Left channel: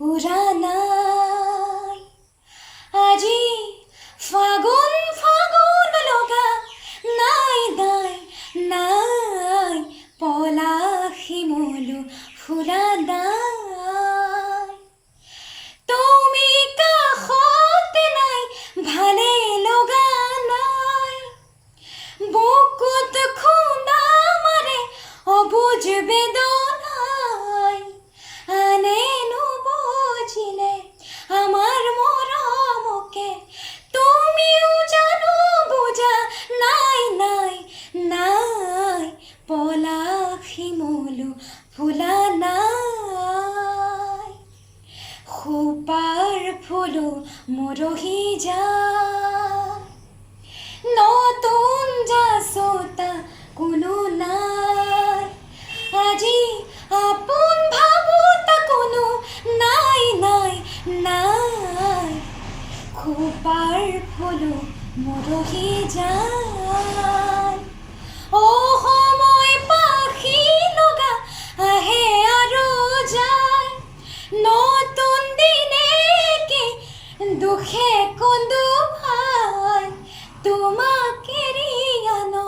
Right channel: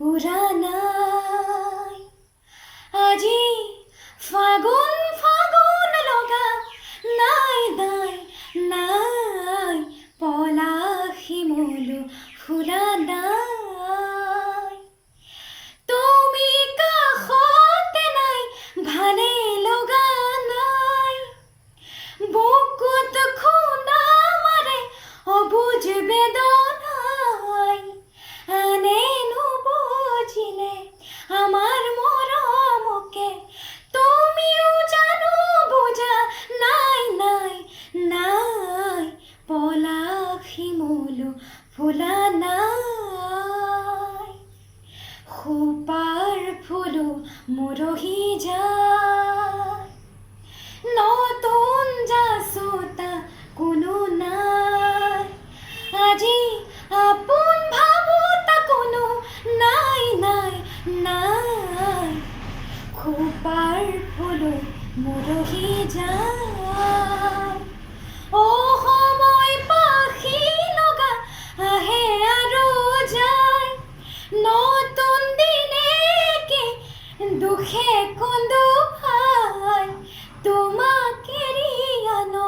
উৰা নাই আজি ফাগুন ফাগুন লগা নাই নাই নাই পলাশ শিমলু ফুলা নাই তুমি কাষতে নাই ভালে লগা নাই বুকুত খুন্দা মাৰে অবুজ বেদনাই আনে নুবুজিলে আমাৰ মৰমকে তুমিও জানো বুজা নাই নাই নাই পলাশ শিমলু ফুলা নাই খোপাৰ ফুলো মৰহি যায় নতুন যাচোতা কোনো নাই আজি আপোন ভাবোতা কোনো নাই নাই নাই খোপাৰ ফুলো মৰহি যায় অ সময় পাখি লগা আহে আৰু যায় নতুন দিনেকে দুখে কন্দু ভাই তোমাক এৰিয়ানো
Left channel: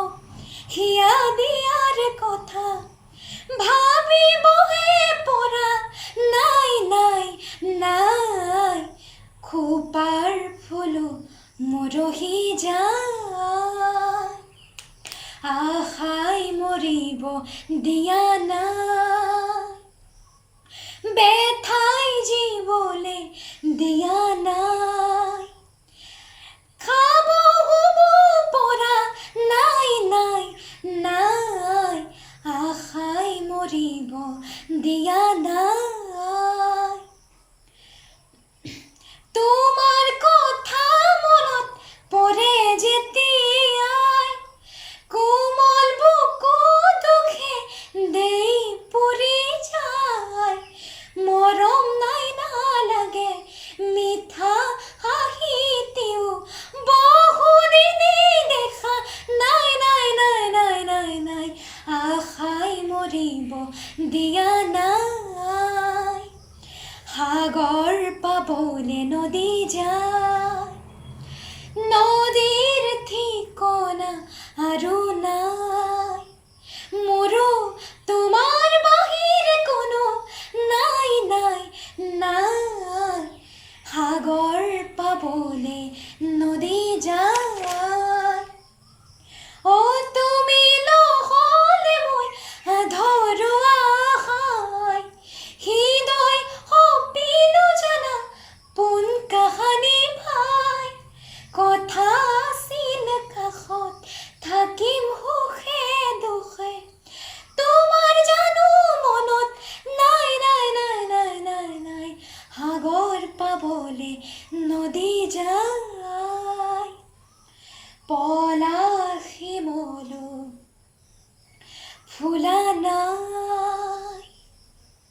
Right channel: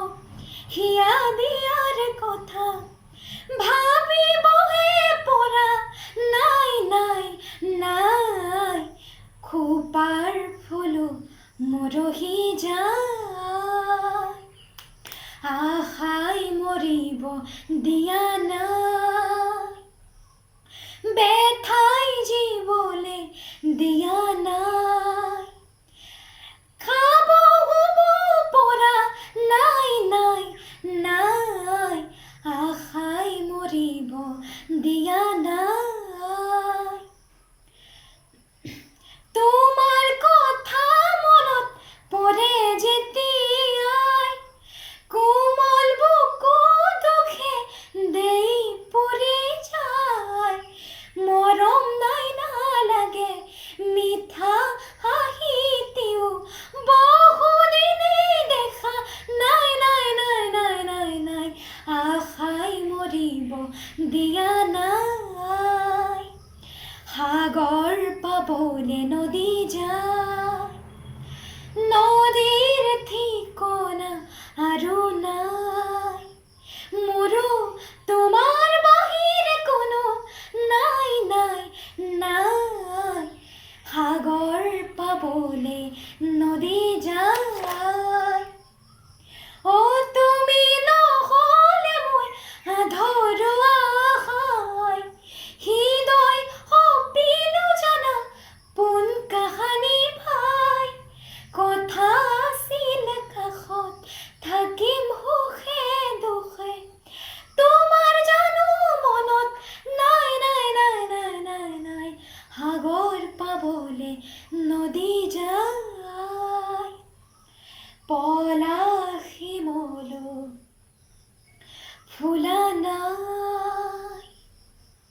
হিয়া দিয়াৰ কথা ভাবিবহে পৰা নাই নাই নাই খোপাৰ ফুলো মৰহি যায় আশাই মৰিব দিয়া নাই বেথাই জীৱলে দিয়া নাই খাব শুব পৰা নাই নাই নাই আশাই মৰিব দিয়া নাই তোমাৰ কথা মনত পৰে যেতিয়াই কোমল বুকু দুখে দেই পৰি যায় মৰম নাই নালাগে মিঠা হাঁহিতেও বহুদিনে দেখা নাই নাই নাই নাই নাই নাই আশাই মৰিব দিয়া নাই সাগৰ পাবলে নদী যায় নদীৰ ঠিকনা আৰু নাই মোৰো তোমাৰ বাহিৰে কোনো নাই নাই নাই সাগৰ পাবলে নদী যায় অ তুমি নহ'লে মই আধৰুৱা আশাই হৃদয় সপিলো জানা পোন কাহানি ভাই কথা আছিল কাষত থাকিম সুখে দুখে তোমাৰ জানো মনত নাই নাই নাই নাই নাই নাই সাগৰ পাবলে নদী যায় পলাশ শিমলু ফুলা নাই